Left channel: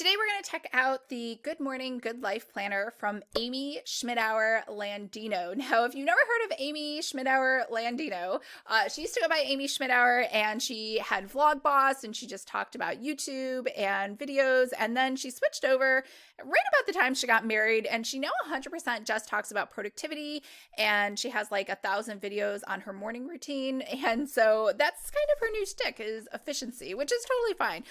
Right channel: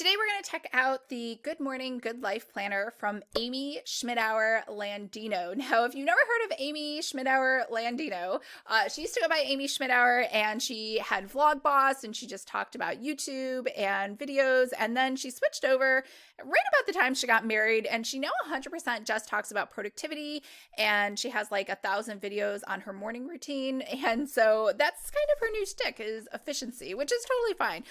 Today we're going to check out the Good Morning, Good Life Planner from Amy Schmittauer Landino. Now, if you've never heard of Amy Schmittauer Landino, she used to go by Amy Schmittauer, and she had Vlog Boss, and she just talked about YouTube and videos, and then she switched over right about the time she got married, and she now 100% just talks about productivity, and she has like 1,000 videos on her morning routine, and so that's kind of her new shtick is efficiency, which is totally fine.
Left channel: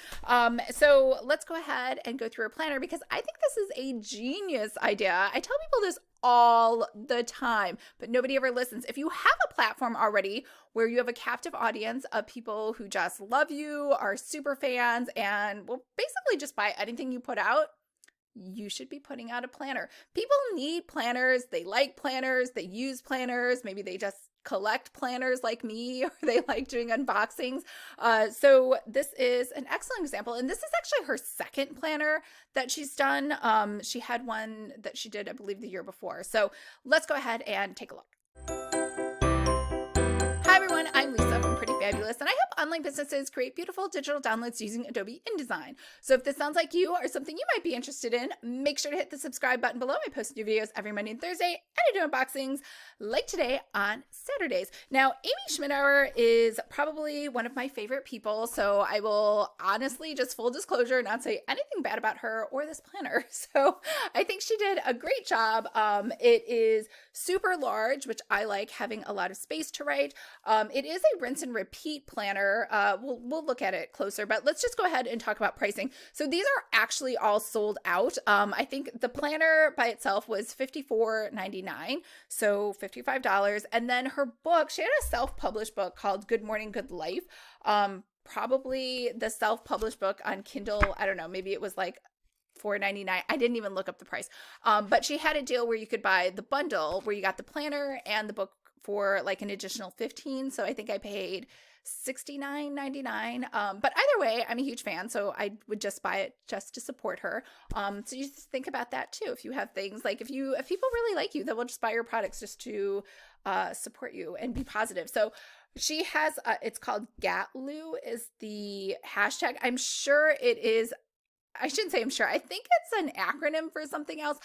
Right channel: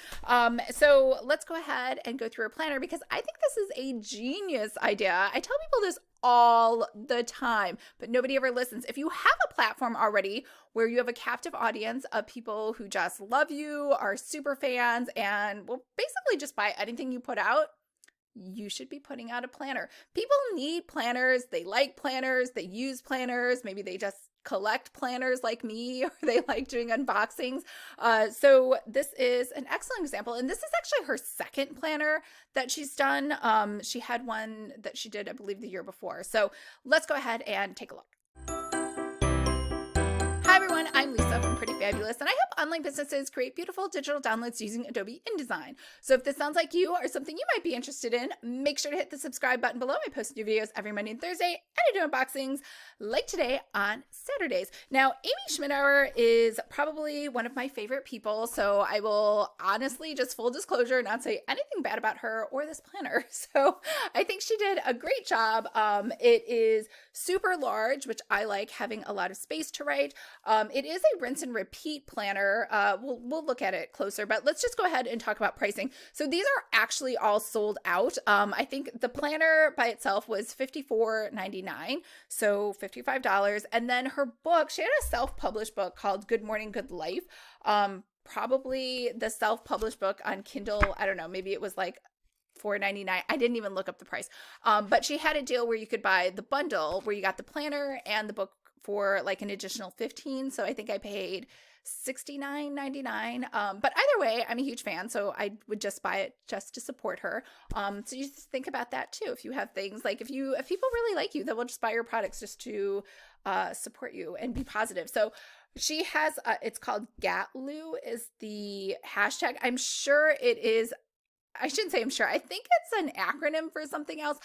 So let's go ahead and go through a planner because I think this is a genius idea. I tell people this all the time, but nobody ever listens. If you have a platform already where you have a captive audience of people who just love you, are super fans, and will basically just buy anything you put out, you should be putting out a planner. People need planners. They like planners. They use planners. Maybe they just collect planners like me, or they like doing unboxings. So this is an excellent example. And this is actually her second planner that she's done. She had one that she did, I believe, the year before. So let's go ahead and take a look. Hi everyone, I'm Lisa from Pretty Fabulous, and I help online businesses create beautiful digital downloads using Adobe InDesign. So if this sounds like you or something you might be interested in, make sure to hit the subscribe button below. I post new videos every Monday and Thursday, and I do unboxings like today on Saturdays. Now, Amy Schmittauer is probably one of my favorite people, so I will honestly, just full disclosure, not say anything bad about her or this planner. So I think she did a great job. It is super large, which I like, having a lot of space to write. It is a rinse and repeat planner. We'll look at it closer, but let's just go ahead and talk about pricing. So these are actually all sold out. I think the planner by itself was $54.99, so $55. And then her book, she had a self-published book called Good Morning, Good Life. Probably the self-published book on Kindle, I don't know, maybe it was like $4.99. I didn't even look up the price. But she had a deal where you could buy the bundle where you got the planner and the book for like an additional $15. So I think I paid $69.99. But either way, I'm a huge fan, so I would just buy it just to support her. So you just think about that too. If you have things like if people really like you, they will just buy your products just to support you and be positive. So she has it's called Gatluw is the hashtag. I'm sure it is. I shouldn't say I'm sure. I think it's an acronym for something else.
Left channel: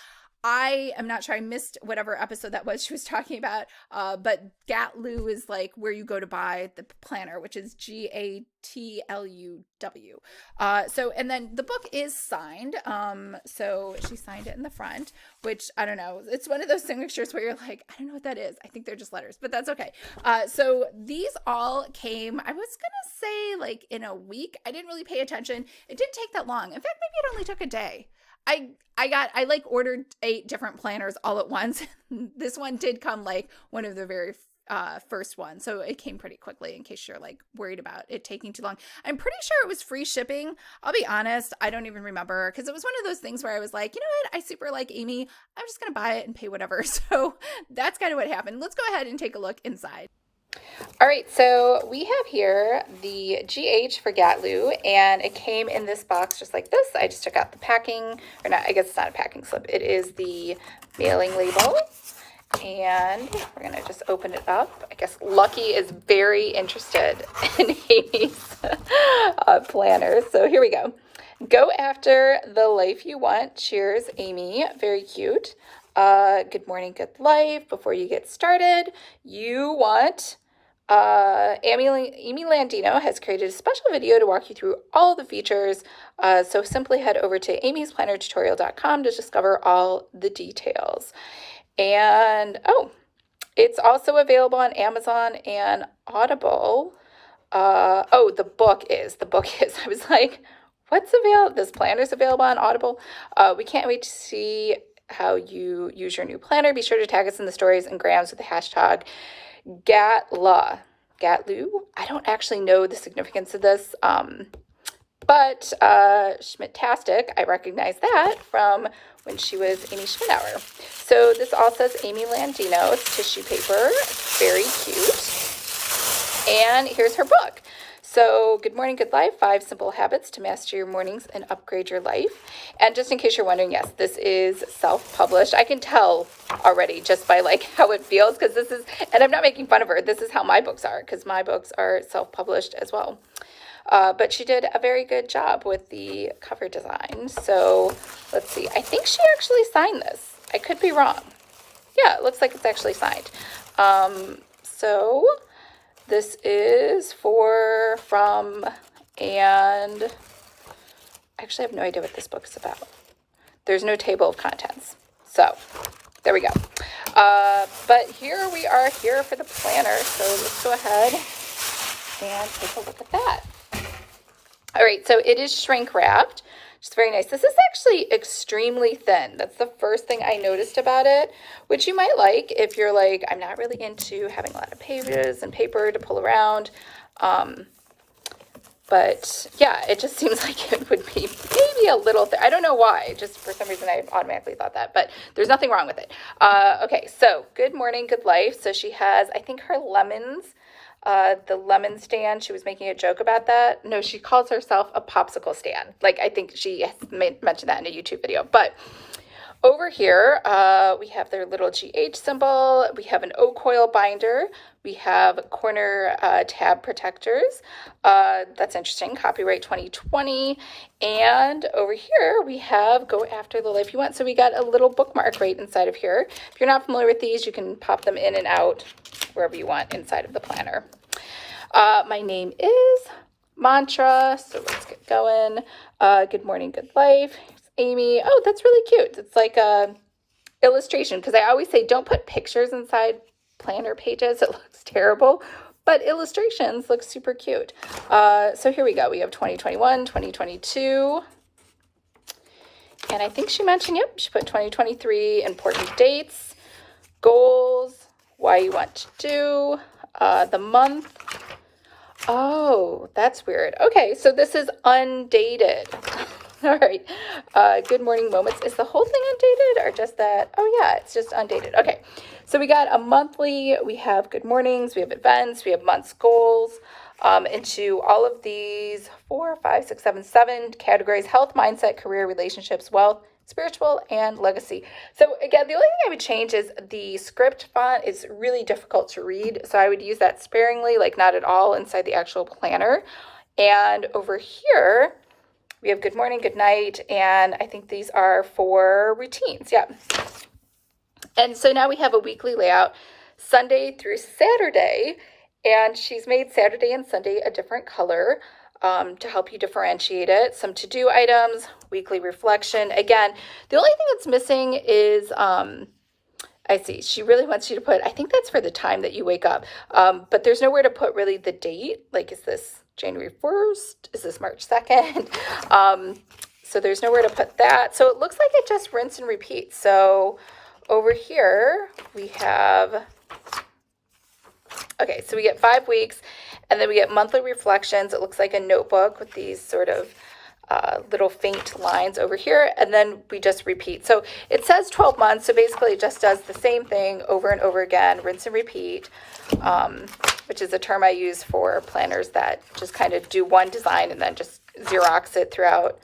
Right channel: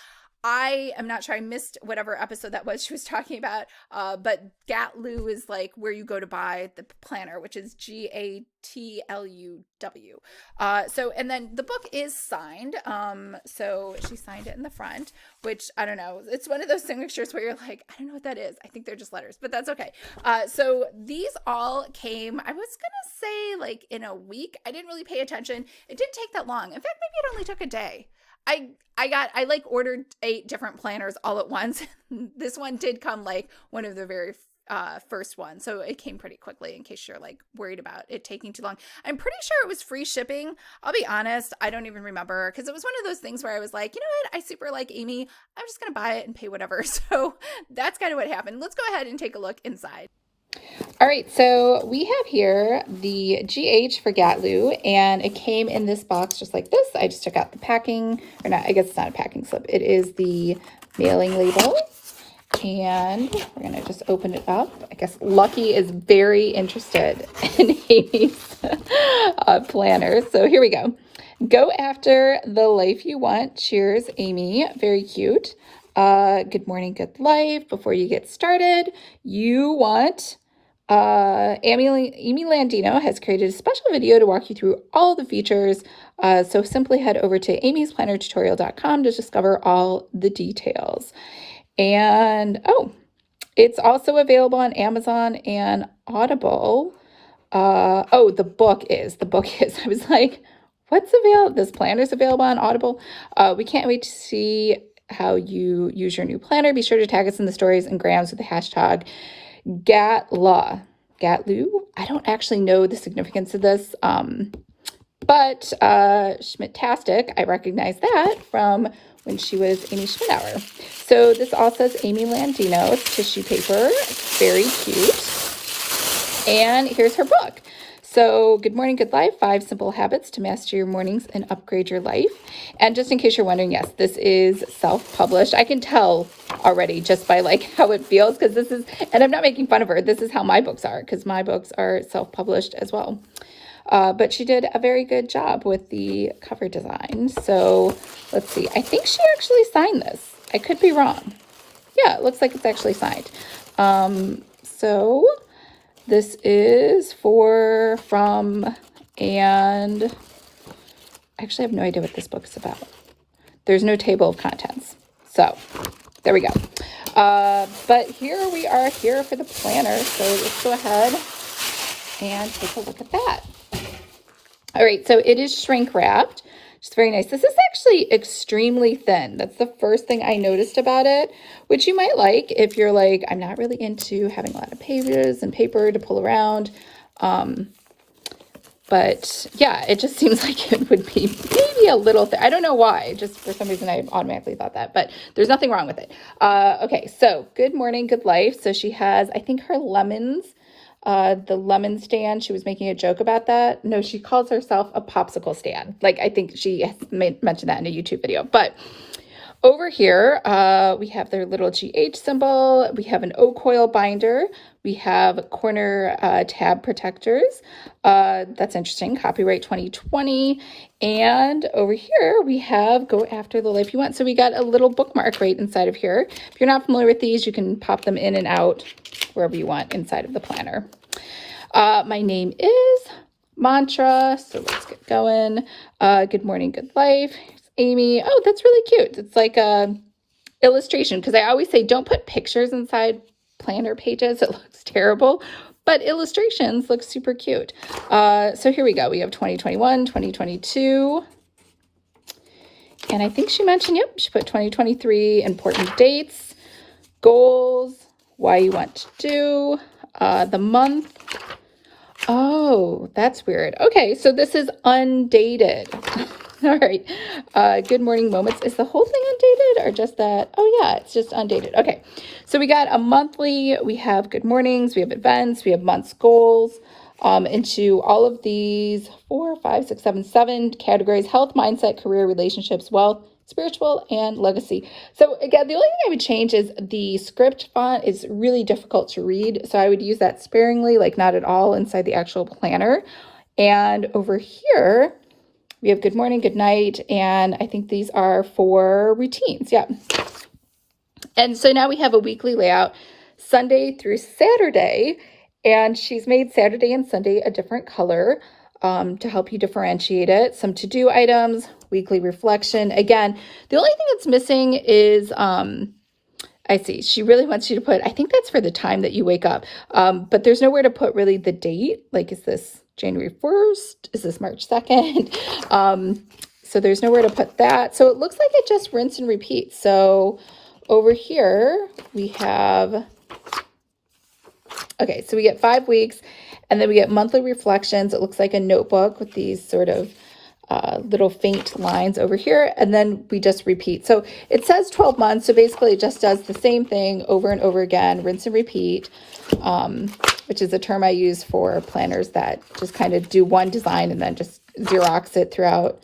I am not sure. I missed whatever episode that was she was talking about. But Gatluw is like where you go to buy the planner, which is Gatluw. So, and then the book is signed. So she signed it in the front, which I don't know. It's one of those signatures where you're like, I don't know what that is. I think they're just letters, but that's okay. So these all came, I was going to say like in a week. I didn't really pay attention. It didn't take that long. In fact, maybe it only took a day. I like ordered 8 different planners all at once. This one did come like one of the very first ones. So it came pretty quickly in case you're like worried about it taking too long. I'm pretty sure it was free shipping. I'll be honest. I don't even remember because it was one of those things where I was like, you know what? I super like Amy. I'm just going to buy it and pay whatever. So that's kind of what happened. Let's go ahead and take a look inside. All right, so we have here the GH for Gatluw, and it came in this box just like this. I just took out the packing, or not, I guess it's not a packing slip. It is the mailing label, and we're going to just open it up. I guess Lucky is very interested in Amy's planner, so here we go. Go after the life you want. Cheers, Amy. Very cute. Good morning, good life. Before you get started, you want... Amy Landino has created a special video to walk you through all the features. So simply head over to amysplannertutorial.com to discover all the details. And it's also available on Amazon and Audible. The book is. I was like, what's available? This planner's available on Audible. We can't wait to see how you use your new planner. Be sure to tag us in the stories and grams with the hashtag Gatluw. I don't actually know the significance of this, but Schmittastic, I recognize that from when she was Amy Schmittauer. So this all says Amy Landino. It's tissue paper, very cute. And here's her book. So Good Morning, Good Life, 5 Simple Habits to Master Your Mornings and Upgrade Your Life. And just in case you're wondering, yes, this is self-published. I can tell already just by like how it feels, because this is, and I'm not making fun of her, this is how my books are, because my books are self-published as well. but she did a very good job with the cover design. So let's see. I think she actually signed this. I could be wrong. Yeah, it looks like it's actually signed. So this is from, and I actually have no idea what this book is about. There's no table of contents. So there we go. But here we are here for the planner. So let's go ahead and take a look at that. All right, so it is shrink wrapped. It's very nice. This is actually extremely thin. That's the first thing I noticed about it, which you might like if you're like, I'm not really into having a lot of pages and paper to pull around. But yeah, it just seems like it would be maybe a little thin. I don't know why. Just for some reason, I automatically thought that, but there's nothing wrong with it. Okay, so good morning, good life. So she has, I think, her lemons. The lemon stand, she was making a joke about that. No, she calls herself a popsicle stand. Like, I think she has mentioned that in a YouTube video. But over here, we have their little GH symbol. We have an oak coil binder. We have corner tab protectors. That's interesting. Copyright 2020. And over here, we have Go After the Life You Want. So we got a little bookmark right inside of here. If you're not familiar with these, you can pop them in and out wherever you want inside of the planner. My name is Mantra. So let's get going. Good morning, good life. Amy. Oh, that's really cute. It's like a illustration, because I always say don't put pictures inside planner pages. It looks terrible, but illustrations look super cute. So here we go. We have 2021, 2022. And I think she mentioned, yep, she put 2023, important dates, goals, why you want to do, the month. Oh, that's weird. Okay, so this is undated. All right. Good morning moments. Is the whole thing undated or just that? Oh yeah, it's just undated. Okay. So we got a monthly, we have good mornings, we have events, we have months goals, into all of these 4, 5, 6, 7, 7 categories: health, mindset, career, relationships, wealth, spiritual, and legacy. So again, the only thing I would change is the script font is really difficult to read. So I would use that sparingly, like not at all inside the actual planner. And over here, we have good morning, good night, and I think these are for routines. Yeah. And so now we have a weekly layout, Sunday through Saturday, and she's made Saturday and Sunday a different color to help you differentiate it. Some to-do items, weekly reflection. Again, the only thing that's missing is, I see, she really wants you to put, I think that's for the time that you wake up, but there's nowhere to put really the date. Like, is this January 1st? Is this March 2nd? So there's nowhere to put that. So it looks like it just rinse and repeat. So over here we have, okay, so we get 5 weeks, and then we get monthly reflections. It looks like a notebook with these sort of little faint lines over here, and then we just repeat. So it says 12 months, so basically it just does the same thing over and over again, rinse and repeat, which is a term I use for planners that just kind of do one design and then just Xerox it throughout.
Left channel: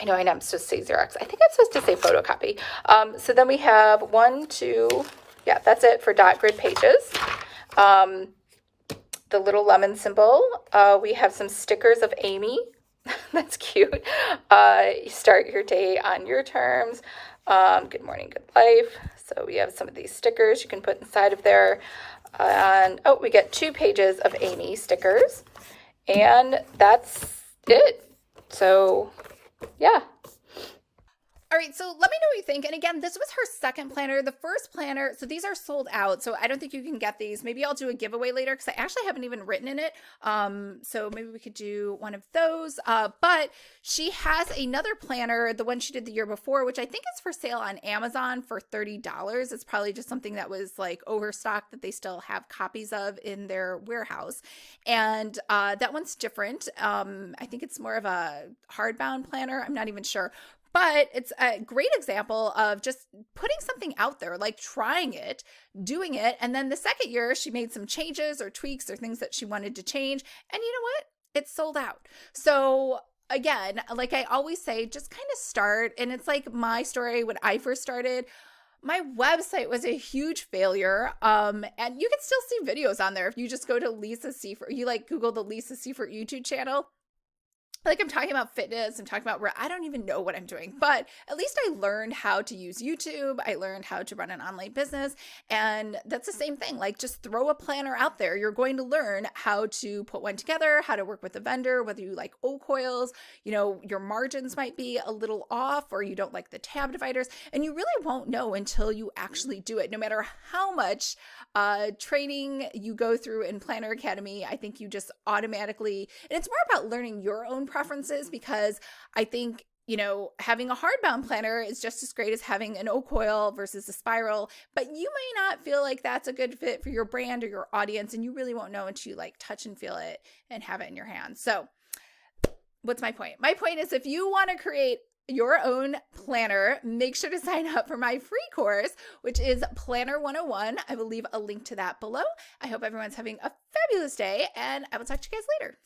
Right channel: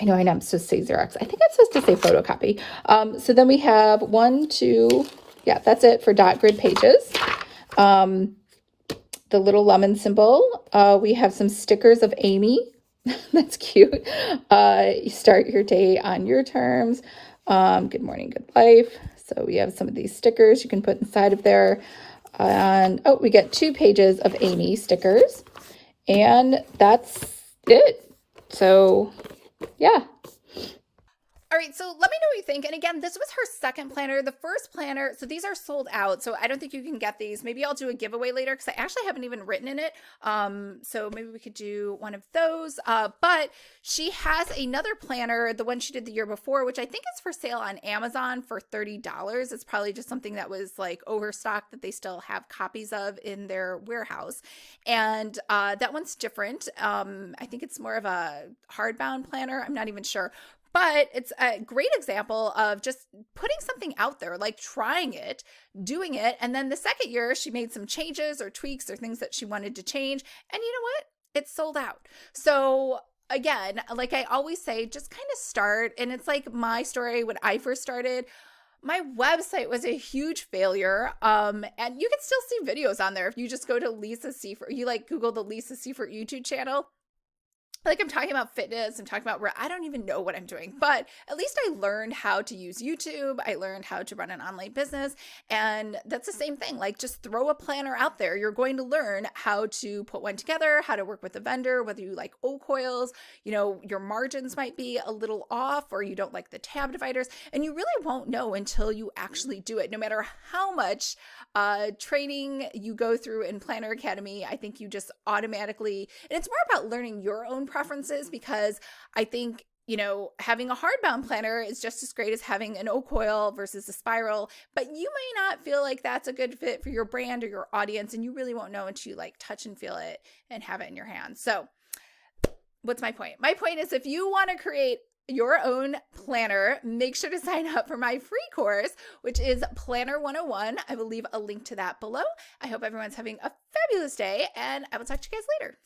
I know I'm supposed to say Xerox. I think I'm supposed to say photocopy. So then we have 1, 2, yeah, that's it for dot grid pages. The little lemon symbol. We have some stickers of Amy. That's cute. You start your day on your terms. Good morning, good life. So we have some of these stickers you can put inside of there. And oh, we get 2 pages of Amy stickers, and that's it. So yeah. All right, so let me know what you think. And again, this was her second planner. The first planner, so these are sold out, so I don't think you can get these. Maybe I'll do a giveaway later because I actually haven't even written in it. So maybe we could do one of those. But she has another planner, the one she did the year before, which I think is for sale on Amazon for $30. It's probably just something that was like overstocked that they still have copies of in their warehouse. And that one's different. I think it's more of a hardbound planner. I'm not even sure. But it's a great example of just putting something out there, like trying it, doing it. And then the second year, she made some changes or tweaks or things that she wanted to change. And you know what? It's sold out. So again, like I always say, just kind of start. And it's like my story when I first started. My website was a huge failure. And you can still see videos on there. If you just go to Lisa Siefert, you like Google the Lisa Siefert YouTube channel. like I'm talking about fitness, I'm talking about where I don't even know what I'm doing, but at least I learned how to use YouTube. I learned how to run an online business. And that's the same thing. Like just throw a planner out there. You're going to learn how to put one together, how to work with a vendor, whether you like O coils, you know, your margins might be a little off or you don't like the tab dividers. And you really won't know until you actually do it. No matter how much training you go through in Planner Academy, I think you just automatically, and it's more about learning your own preferences, because I think, you know, having a hardbound planner is just as great as having an O coil versus a spiral, but you may not feel like that's a good fit for your brand or your audience, and you really won't know until you like touch and feel it and have it in your hands. So what's my point? My point is, if you want to create your own planner, make sure to sign up for my free course, which is Planner 101. I will leave a link to that below. I hope everyone's having a fabulous day, and I will talk to you guys later.